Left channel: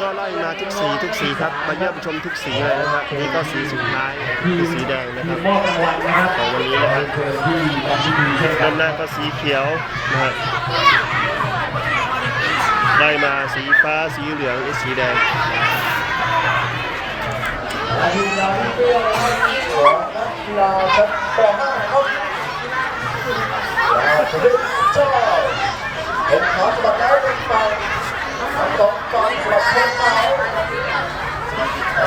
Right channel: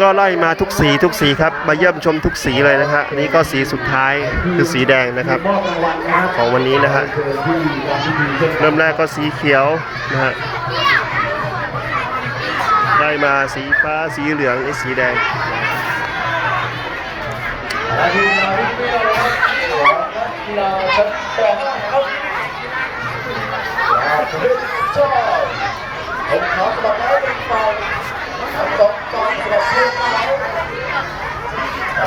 ก็ไล่มาทุกสีทุกสีครับ มาเยี่ยมชมทุกสีเลยนะฮะนี่ก็สีสุดท้ายคือสีแดงนะครับ ของวันนี้นะฮะเชิญที่ทำพิธีเช่นกัเริ่มแรกก็สีเขียวนะฮะไล่มาสีฟ้าสีเหลืองสีแดงและทีมงานที่เปรี้ยวนะครับของผมขอสมัครแล้วเป็นฝ่ายทำสองตอนสำหรับเพลงเขา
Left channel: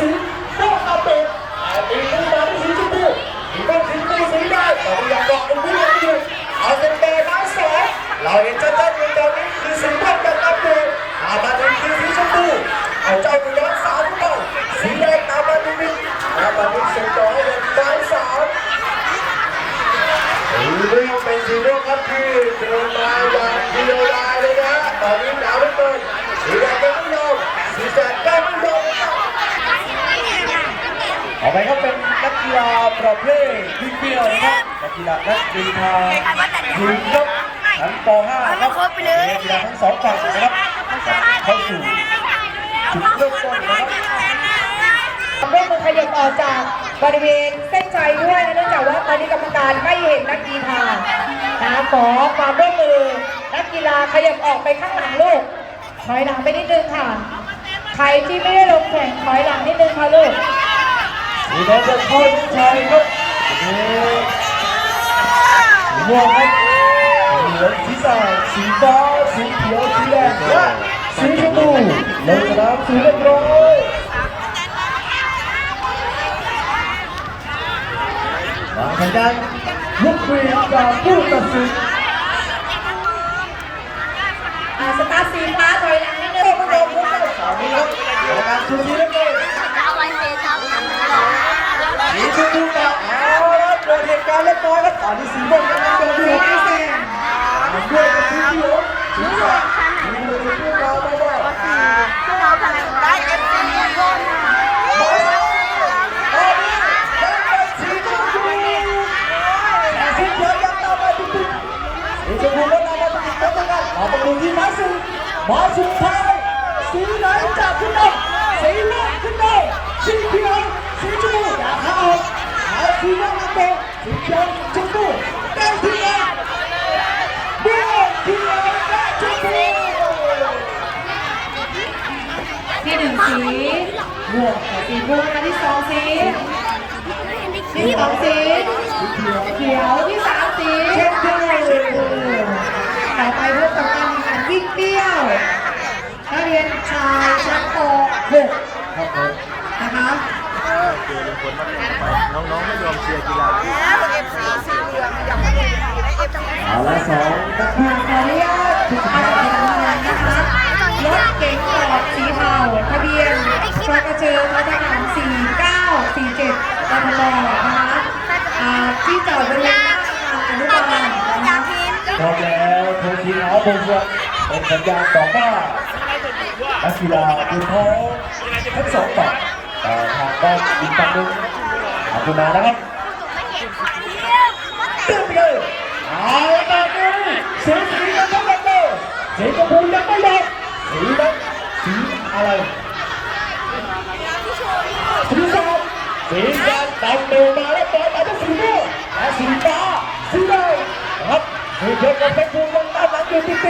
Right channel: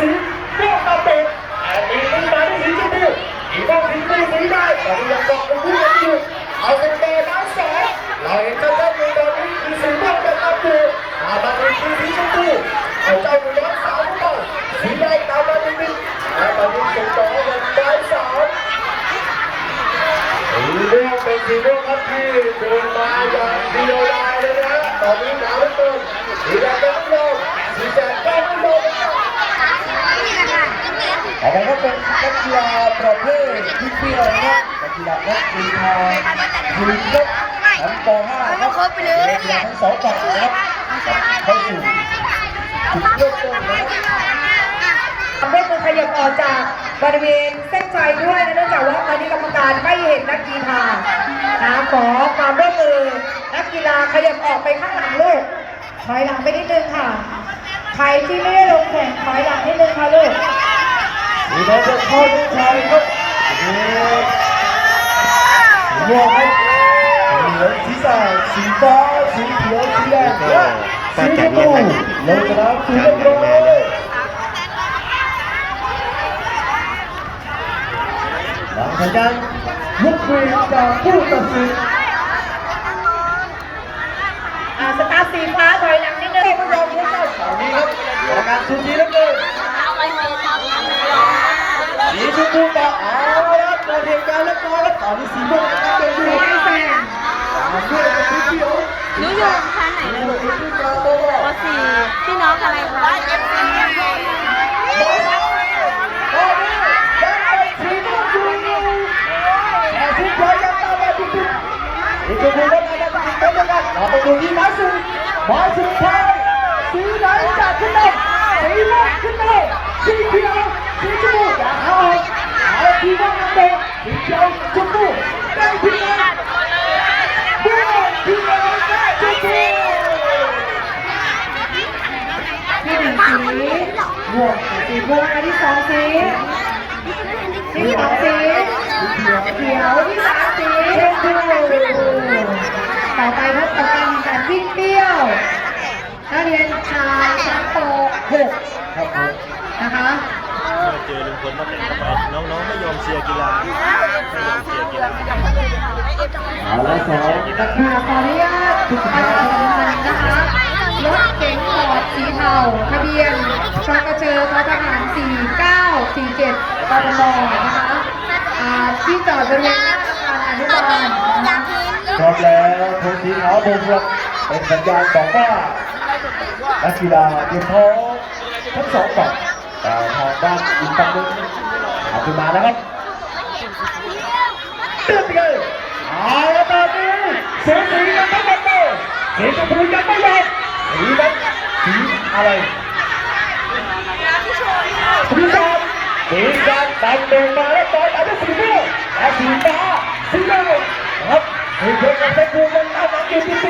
สีพวกเราเป็นแต่ตีเป็นตาที่สีชมพูที่ต้องสีไม่สีได้แต่ยังบอกเป็นผู้ยังอยู่เอาเป็นเบย์ไม้สองเราเห็นชัดๆในตอนนี้คือสีม่วงกับอัปเดตอาบันเป็นคือสีชมพูเอาเจ้าหนูน้อยสาวเข้าสีแดงตามาเป็นตรและตอนนี้ส่งต่อให้เป็นไม้สามสีม่วงเป็นสีม่วงครับที่เดินมาอย่างเดียวไดายเลยนะตอนนี้หนาวเหลือเกินสีแดงก็ไม่ยอมสีแดงก็ไม่ยอมนะครับ ต่อไปก็เป็นนักกีฬาประเภทที่เปียวนะครับนักกีฬานักกีฬาทีมยกชั้นป .5 ครับนักกีฬาทั้งสองฝั่งนะครับเข้าสู่จุดเริ่มต้นนะครับเร่มขยับออกจากบริเวณเส้นชัยด้วยนะเนื่องจากว่าตอนนี้กรรมการไม่เห็นนักกีฬานะขอความร่วมมือนักกีฬาขยับออกไปข้างหลังลูกถอยหลังไปนิดนึงค่ะใครที่ไม่ได้ลงแข่งถอยหลังนิดนึงค่ะลูก สีแดงจะช่วยชายครับสีม่วงครับเหลืองสีสายสีฟ้าสีเขียวสีแดงและสีชมพูลงสนามสีเรียบร้อยหลังจากนั้นยกมือจากผู้ตัดสินอ่าสตาร์ทสีฟ้าถอยหลังนิดนึงพวกเราพวกเราสาวนี้ครับกรรมการสุดที่เล็ก เลยสีชมพูต่อเอาละเกิดเหตุการณ์เล็กน้อยครับตอนนี้สีม่วงเป็นผู้ไม่แซงมันด้วยกับสีเขียวสีแดงสีเหลืองสีฟ้าต่อมาพี่น้องกันเลยได้เอฟซีคนบอลสองตอนนี้ยังเป็นสีชมพูแต่สีเขียวยังตามมาติดๆสีชมพูก็ตามมาติดๆเหมือนกันเราไปดูที่มาสุดหมาสุดท้ายสีไหนจะขึ้นได้สีเหลืองขึ้นได้สีเขียวสีชมพูอย่าเข้าออก เอาสีม่วงนำเด็กสีเขียวชมพูได้ที่ไหนม่วงเขียวและชมพูที่หนึ่งสีม่วงค่ะสีม่วงอันที่สองสีที่สองสีเขียวที่สามสีชมพูต่อไปพบกับการวิ่งเปี้ยวนักเรียนชายชั้นป .6 จอลุงพลมาเป็นทำไมน้องๆไม่ยอมเชียร์กีฬาเอาละสองนักขออนุญาตการแข่งขันนะคะรถเก๋งฟอร์ดสีเทาทะเบียนชกเชอททหาร4947ตมนะคะที่จอดบริเวณอนุบาลพร้อมแล้วโค้ชทีมเอาบงวเป็นสัญญาณบอกว่านักกีฬาเตรียมพร้อมทั้งสองฝั่ง แต่ทางด้านอีกฝั่งหนึ่งอาจจะมาแล้วครับตึ้งเลยเอาละตอนนี้สีสียังไม่หมดเลยสีชมพูยังไม่หมดสีแดงสีอะไรสีดำสีดำตัดเดินมาแล้วต่อยอาที่สีม่วงและสีฟ้าสีแดงครับสีเขียวกับสีชมพูยังตามหลังอยู่ติด